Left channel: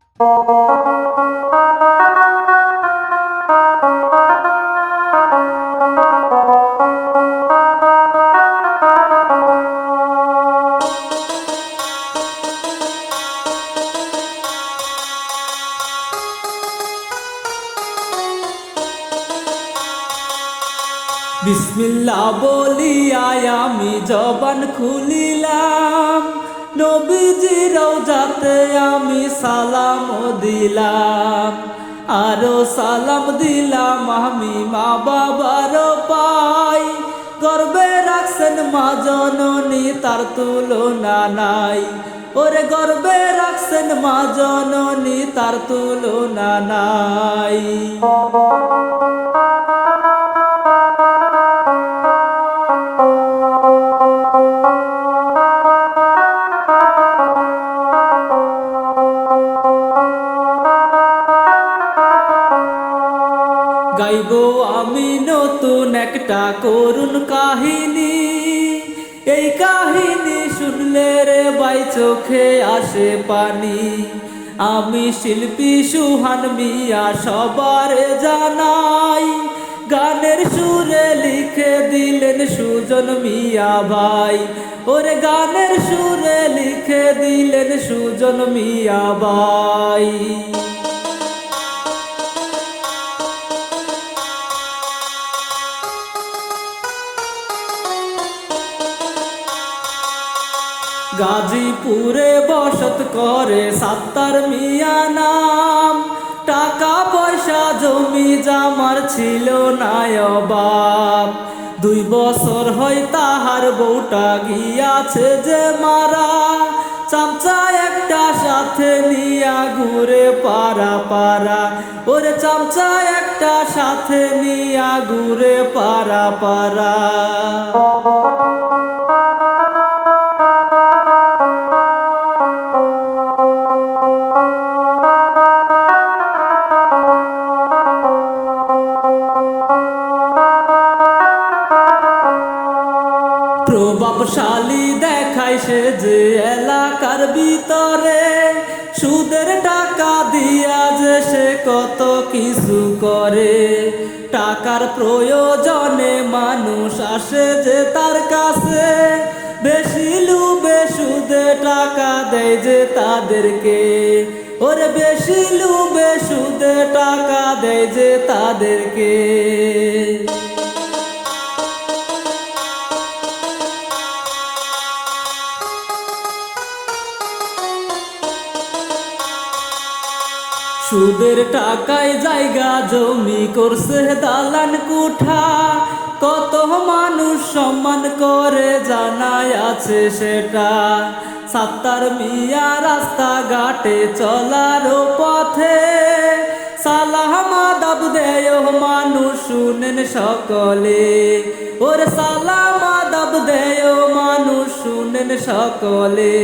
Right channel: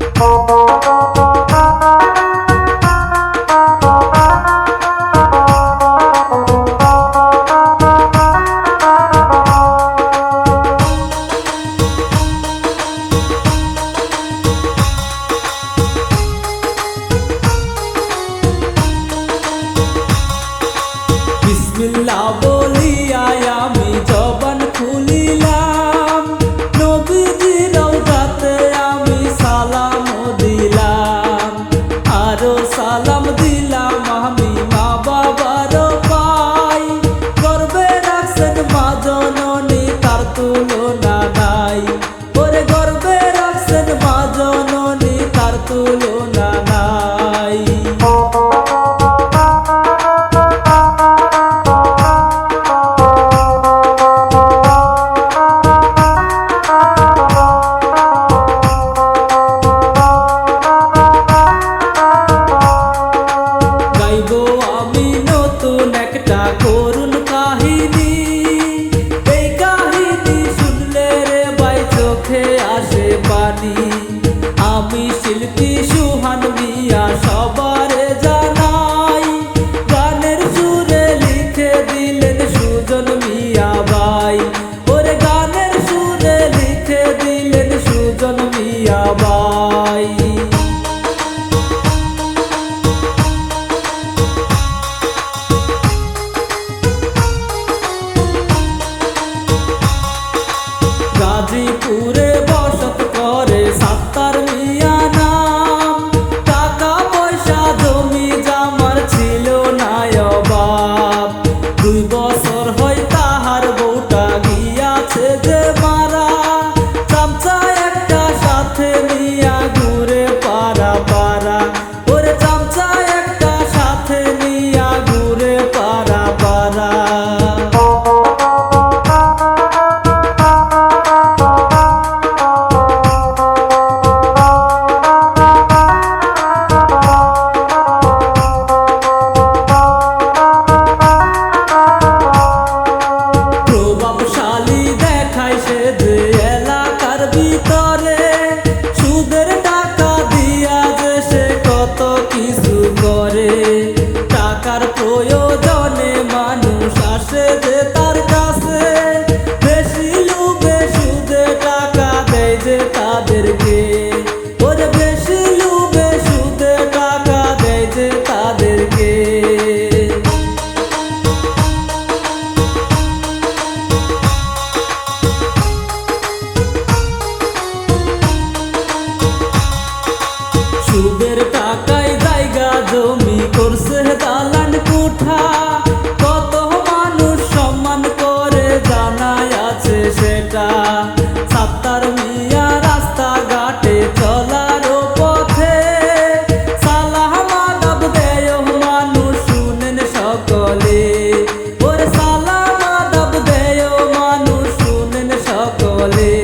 Thank you. নবীজি রওজাতে আমি সালাম দিলাম, আরও সালাম দিলাম আমি মা বাবার পাই। গর্বে রাখছেন মা জননী, তার তুলনা নাই। ওরে গর্বে রাখছেন মা জননী, তার তুলনা নাই। আসে পানি। আমি শিল্পী সুহান মিয়া, সবারে জানাই। গানের সুরে লিখে দিলেন সুজন মিয়া ভাই। ওরে গানের সুরে লিখে দিলেন সুজন মিয়া ভাই। গাজীপুরে বসত করে সাত্তার মিয়া নাম। টাকা পয়সা জমি জামার ছিল না অভাব। দুই বছর হয় তাহার বউটা গিয়াছে যে মারা। চামচা একটা সাথে নিয়া ঘুরে পারা পারা ওরে চামচা একটা সাথে নিয়া ঘুরে পারা পারা প্রভাবশালী দেখায় সে যে এলাকার ভিতরে। সুদের টাকা দিয়া যে সে কত কিছু করে। টাকার প্রয়োজনে মানুষ আসে যে তার কাছে। বেশি লুবে সুদে টাকা দেয় যে তাদেরকে। ওরে বেশি লুবে সুদে টাকা দেয় যে তাদেরকে। সুদের টাকায় জায়গা জমি করছে দালান কুঠা। কত মানুষ সম্মান করে জানায় আছে সেটা। সাত্তার মিয়া রাস্তা ঘাটে চলার পথে। সালাহ মাদাব দেয় মানুষ, শুনেন সকলে। ওর সালাহ মাদাব দেয় মানুষ, শুনেন সকলে।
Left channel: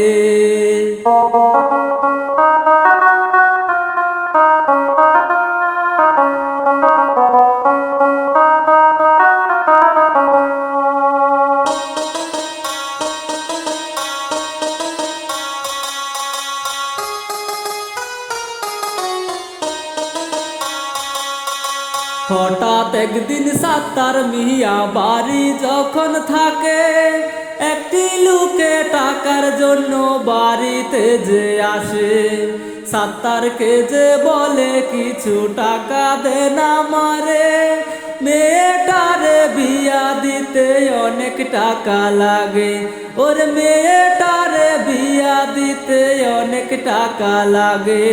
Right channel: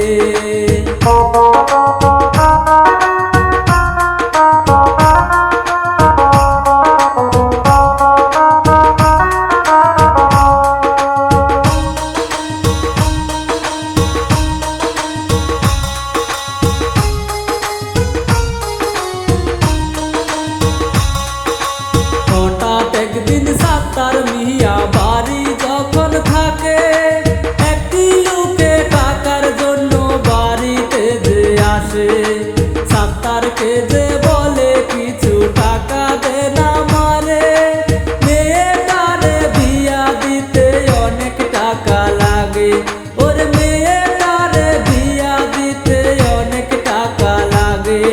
সাত্তার মিয়া বাড়ি যখন থাকে, একটি লোকে টাকার জন্য বাড়িতে যে আসে, সাত্তারকে যে বলে কিছু টাকা দে না মারে, মেয়েটারে বিয়া দিতে অনেক টাকা লাগে, ওর মেয়েটারে বিয়া দিতে অনেক টাকা লাগে।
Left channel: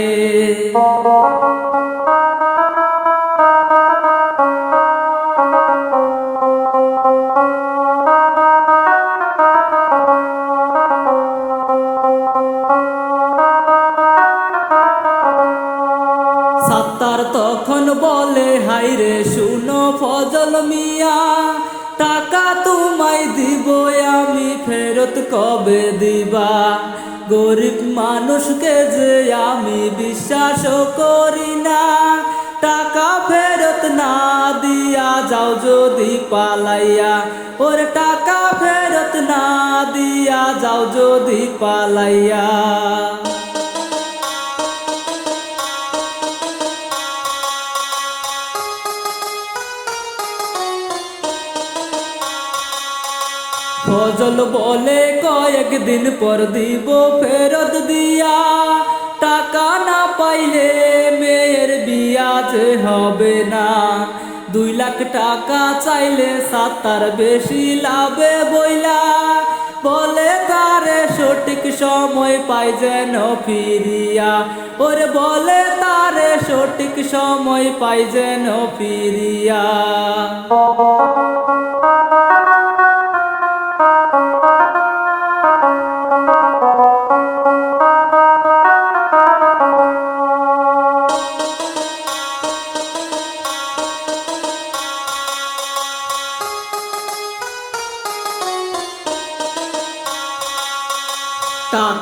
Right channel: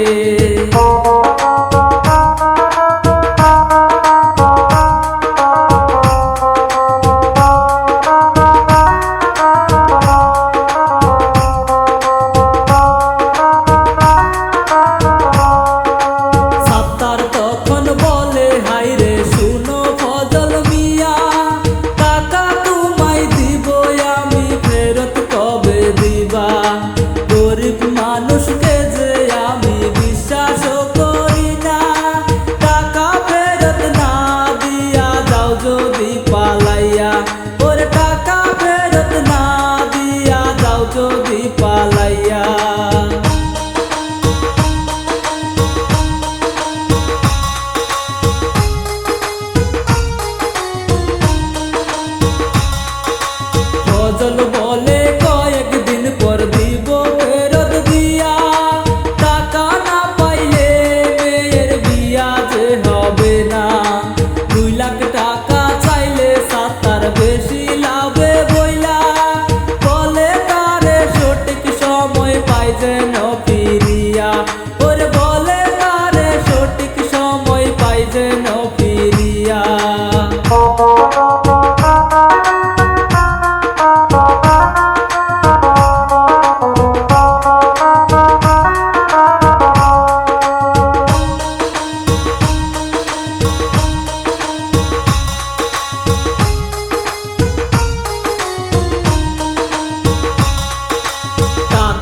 মানুষকে যে আমি বিশ্বাস করি না। টাকা ফেরত না দিয়া যাও যদি পালাইয়া। ওর টাকা ফেরত না দিয়া যাও যদি পালাইয়া। ফজল বলে কয়েকদিন পর দিব ফেরত দিয়া। টাকা না পাইলে মেয়ের বিয়া যে হবে না। দুই লাখ টাকা চাইলে সাতার বেশি লাভে বইলা। বলে তারে সঠিক সময় পাই যেন ফিরিয়া। ওরে বলে তারে সঠিক সময় পাই যেন ফিরিয়া।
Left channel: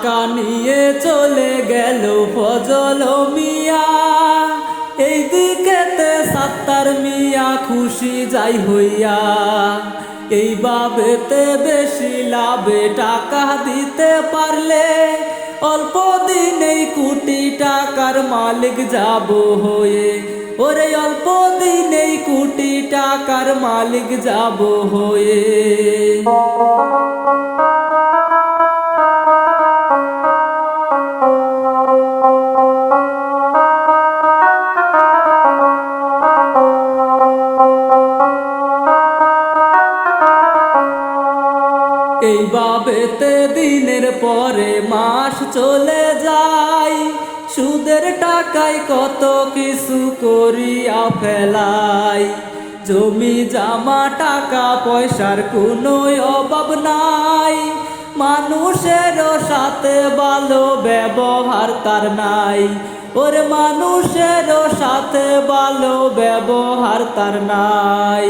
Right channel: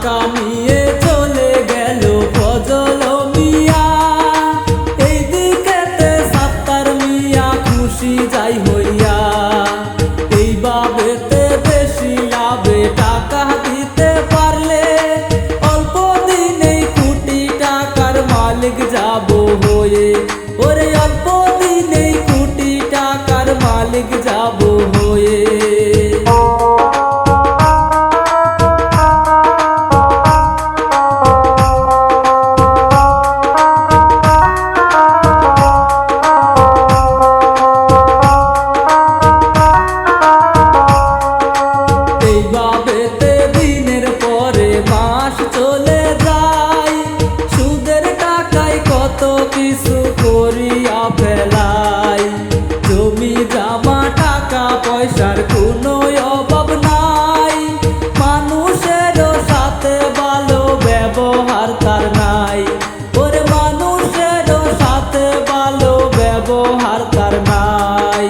টাকা নিয়ে চলে গেল ফজল মিয়া। এই দিকেতে সাত্তার মিয়া খুশি যাই হইয়া। এই বাবেতে বেশি লাভে টাকা দিতে পারলে অল্প দিনেই কোটি টাকার মালিক যাব হয়ে। ওরে অল্প দিনেই কোটি টাকার মালিক যাব হয়ে। করিয়া ফেলাই। জমি, জামা, টাকা, পয়সার কোনো অভাব নাই। মানুষেরও সাথে ভালো ব্যবহার তার নাই। ওর মানুষেরও সাথে ভালো ব্যবহার তার নাই।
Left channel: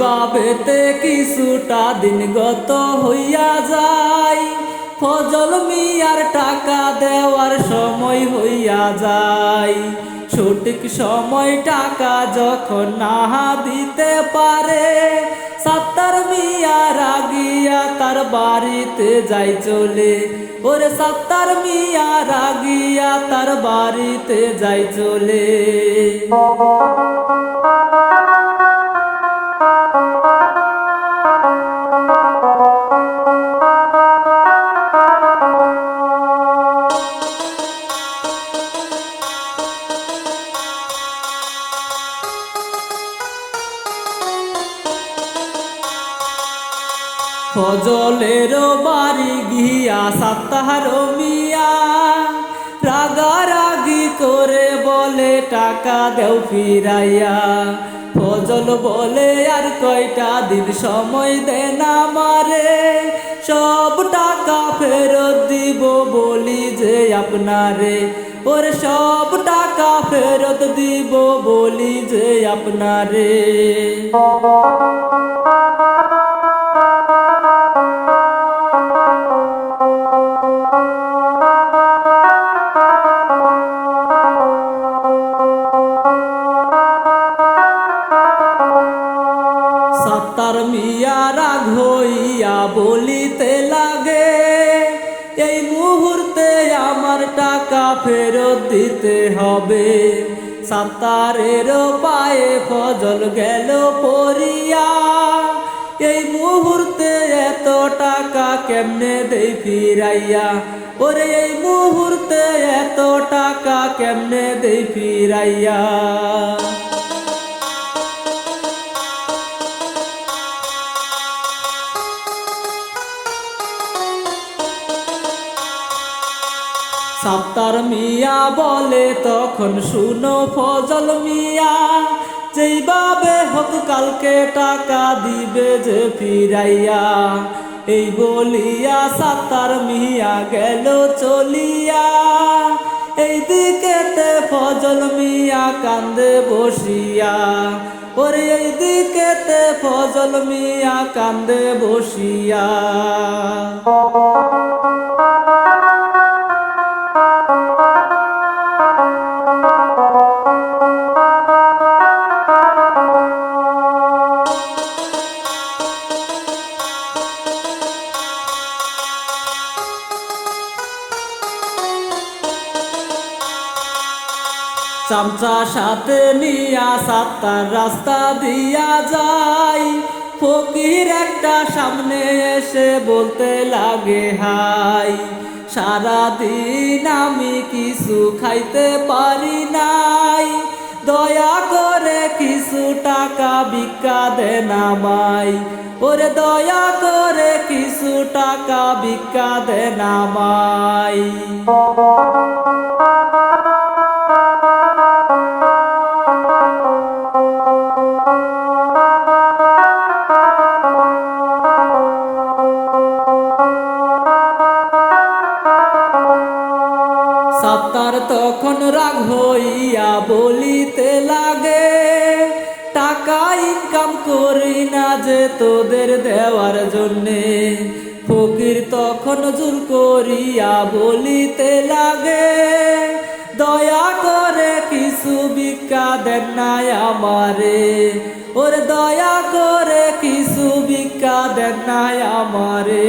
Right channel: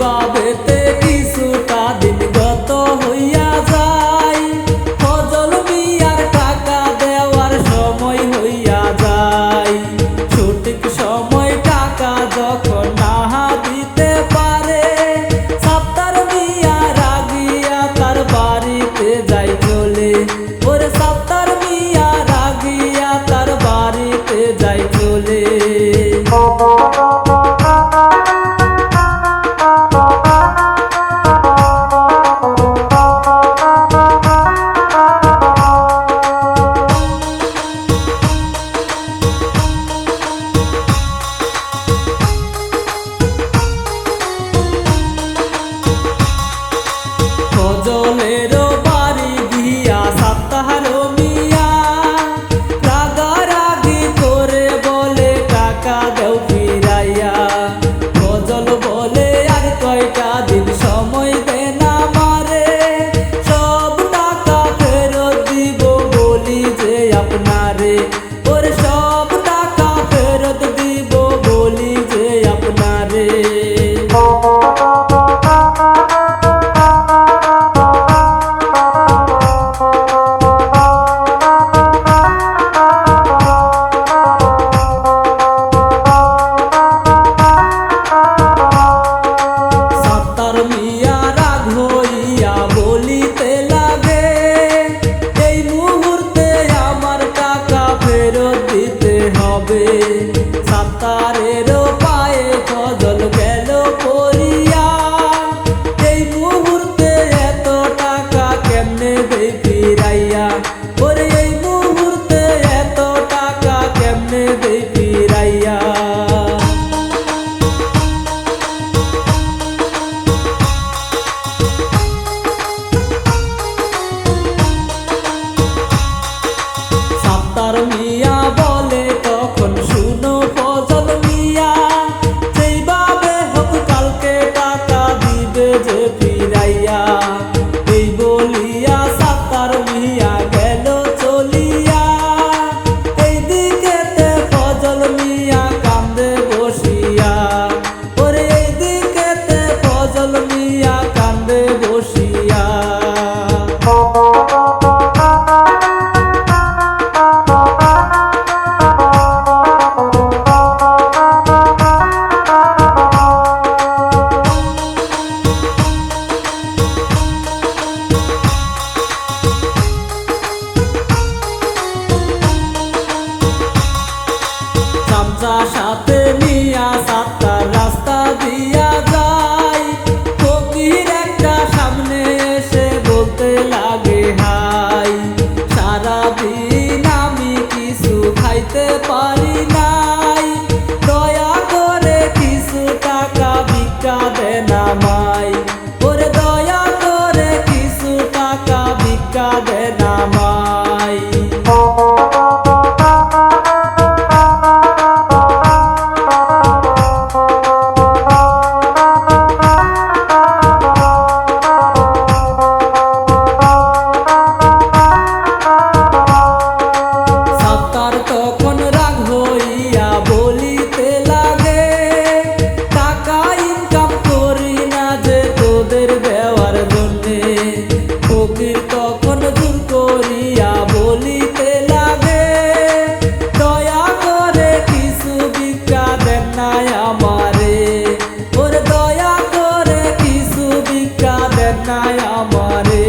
বাবেতে কিছুটা দিন গত হইয়া যায়? ফজল মিয়ার টাকা দেওয়ার সময় হইয়া যায়। সঠিক সময় টাকা যখন নাহা দিতে পারে সাপ্তার মিয়া রাগিয়া তার বাড়িতে যাই চলে। ওরে সাপ্তার মিয়া রাগিয়া তার বাড়িতে যাই চলে। ফজলের বাড়ি গিয়া সপ্তাহর মিয়া রাগারাগি করে বলে টাকা দেও ফিরাইয়া। ফজল বলে আর কয়টা দিন সময় দেন মারে। সব টাকা ফেরত দিব বলি যে আপনারে। ওর সব টাকা ফেরত দিব বলি যে আপনারে। মিয়া রাগ হইয়া বলিতে লাগে, এই মুহূর্তে আমার টাকা ফেরত দিতে হবে। সাত্তারেরও পায়ে ফজল গেল পরিয়া এই মুহূর্তে এত টাকা কেমনে দেই ফিরাইয়া? ওরে, এই মুহূর্তে এত টাকা কেমনে দেই ফিরাইয়া? সাত্তার মিয়া বলে, তখন শুনো ফজল মিয়া যেইভাবে হোক কালকে টাকা দিবে যে ফিরাইয়া, এই বলিয়া সাতার মিয়া গেল চলিয়া। এই দিকেতে ফজল মিয়া কান্দে বসিয়া, ওরে এই দিকেতে ফজল মিয়া কান্দে বসিয়া। ফকির একটা সামনে এসে বলতে লাগে, হাই, সারাদিন আমি কিছু খাইতে পারি নাই। দয়া করে কিছু টাকা ভিক্ষা দেন আমায় ওরে দয়া করে কিছু টাকা ভিক্ষা দেন আমায় নাই আমারে। ওর দয়া করে কিছু ভিক্ষা দেন নাই আমারে।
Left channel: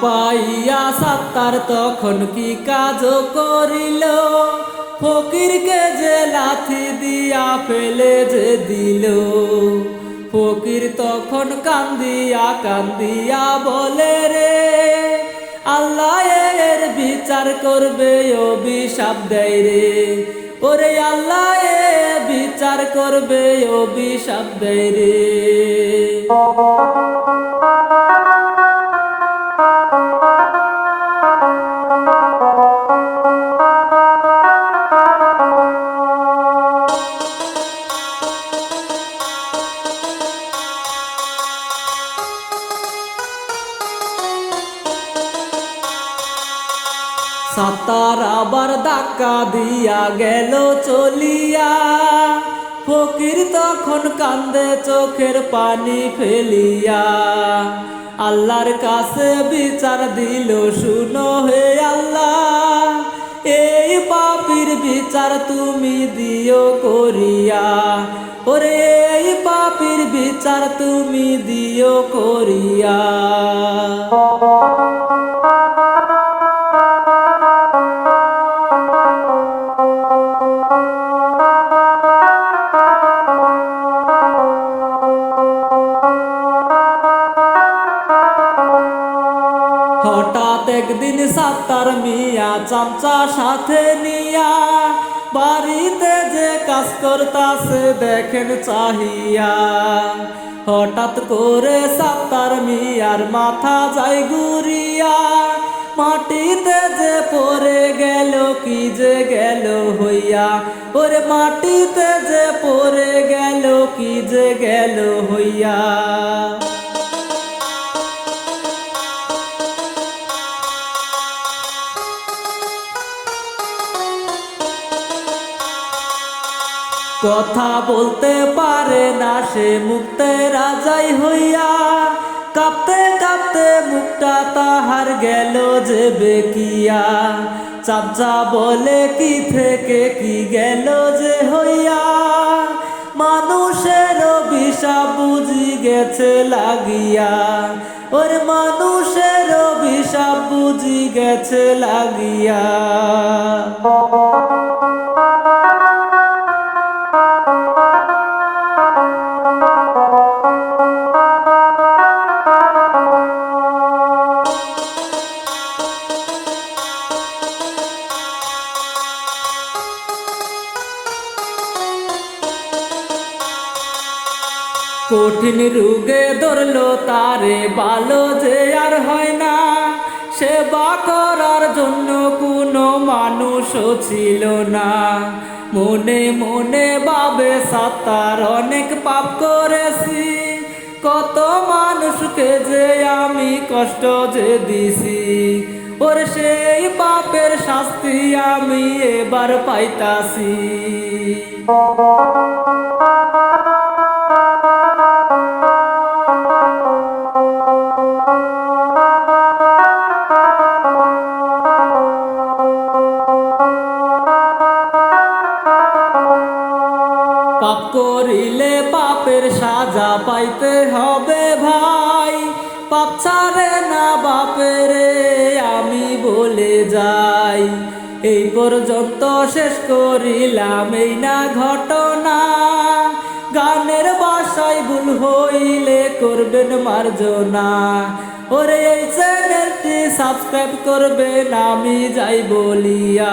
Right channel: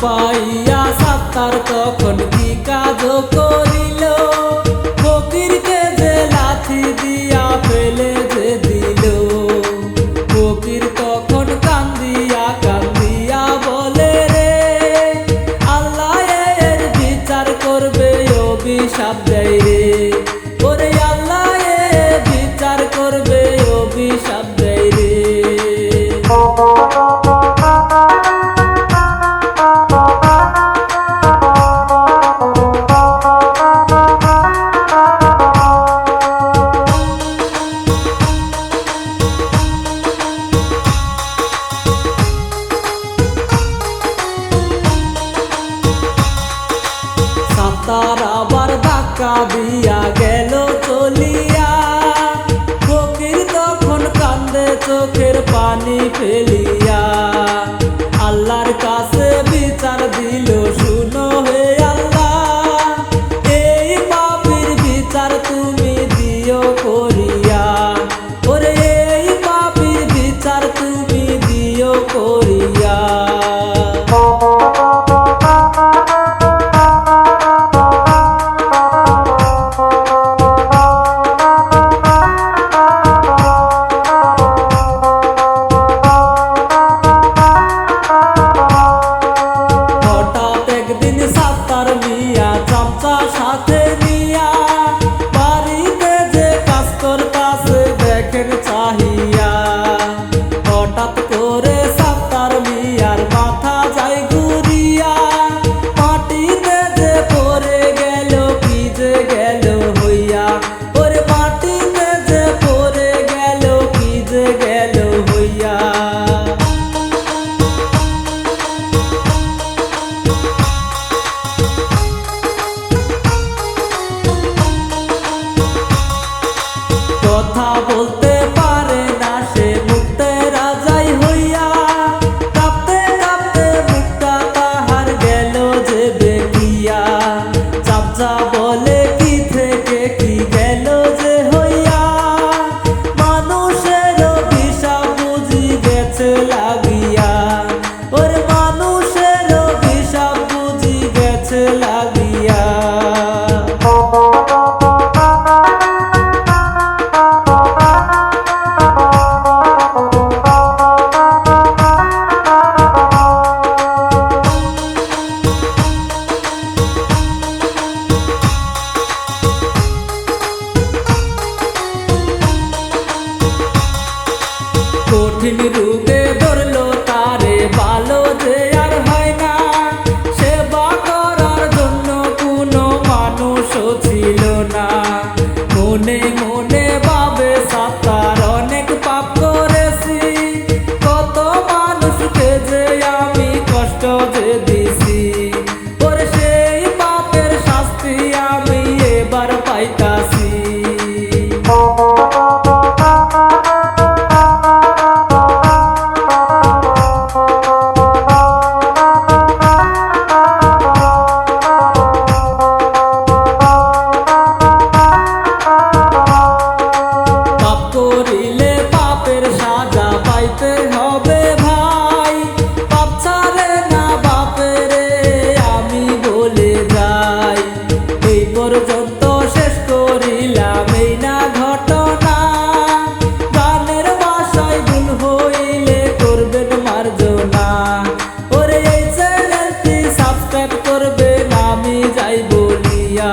পাইয়া সাত্তার তখন কি কাজ করিল? ফকিরকে যে লাথি দিয়া ফেলে যে দিল? ফকির তখন কান্দিয়া কান্দিয়া বলে রে, আল্লাহ এর বিচার করবে, অভিশাপ দেয় রে। ওরে আল্লাহ এ বিচার করবে, অভিশাপ দেয় রে। সাতার আবার ধাক্কা দিয়া গেল চলিয়া। ফকির তখন কান্দে চোখের পানি ফেলিয়া। আল্লাহর কাছে বিচার দিল, শুনো হে আল্লাহ, এই পাপির বিচার তুমি দিও করিয়া। ওরে, এই পাপির বিচার তুমি দিও করিয়া। দেখেন চাহিয়া, হঠাৎ করে সাপ্তার মিয়ার মাথা যায় গুরিয়া মাটিতে যে পড়ে গেল, কি যে গেল হইয়া? ওরে মাটিতে যে পড়ে গেল, কি যে গেল হইয়া? কথা বলতে পারে না সে মুক্তে রাজাই হইয়া। কাঁপতে কাঁপতে মুখটা তাহার গেল যে বেকিয়া। চামচা বলে কি থেকে কি গেল যে হইয়া। মানুষের অভিশাপ বুঝি গেছে লাগিয়া। ওর মানুষের অভিশাপ বুঝি গেছে লাগিয়া। কঠিন রোগে ধরলো তারে, ভালো যে আর হয় না। সেবা করার জন্য কোনো মানুষও ছিল না। মনে মনে বাবে সাতার অনেক পাপ করেছি। কত মানুষকে যে আমি কষ্ট যে দিছি। ওর সেই পাপের শাস্তি আমি এবার পাইতাছি। করিলে পাপের সাজ পাইতে হবে ভাই। পাপ ছাড়ে না বাপেরে, আমি বলে যাই। এই পর্যন্ত শেষ করিলাম এই না ঘটনা। গানের বাসায় ভুল হইলে করবেন মার্জনা। ওরে এই চ্যানেলটি সাবস্ক্রাইব করবেন, আমি যাই বলিয়া।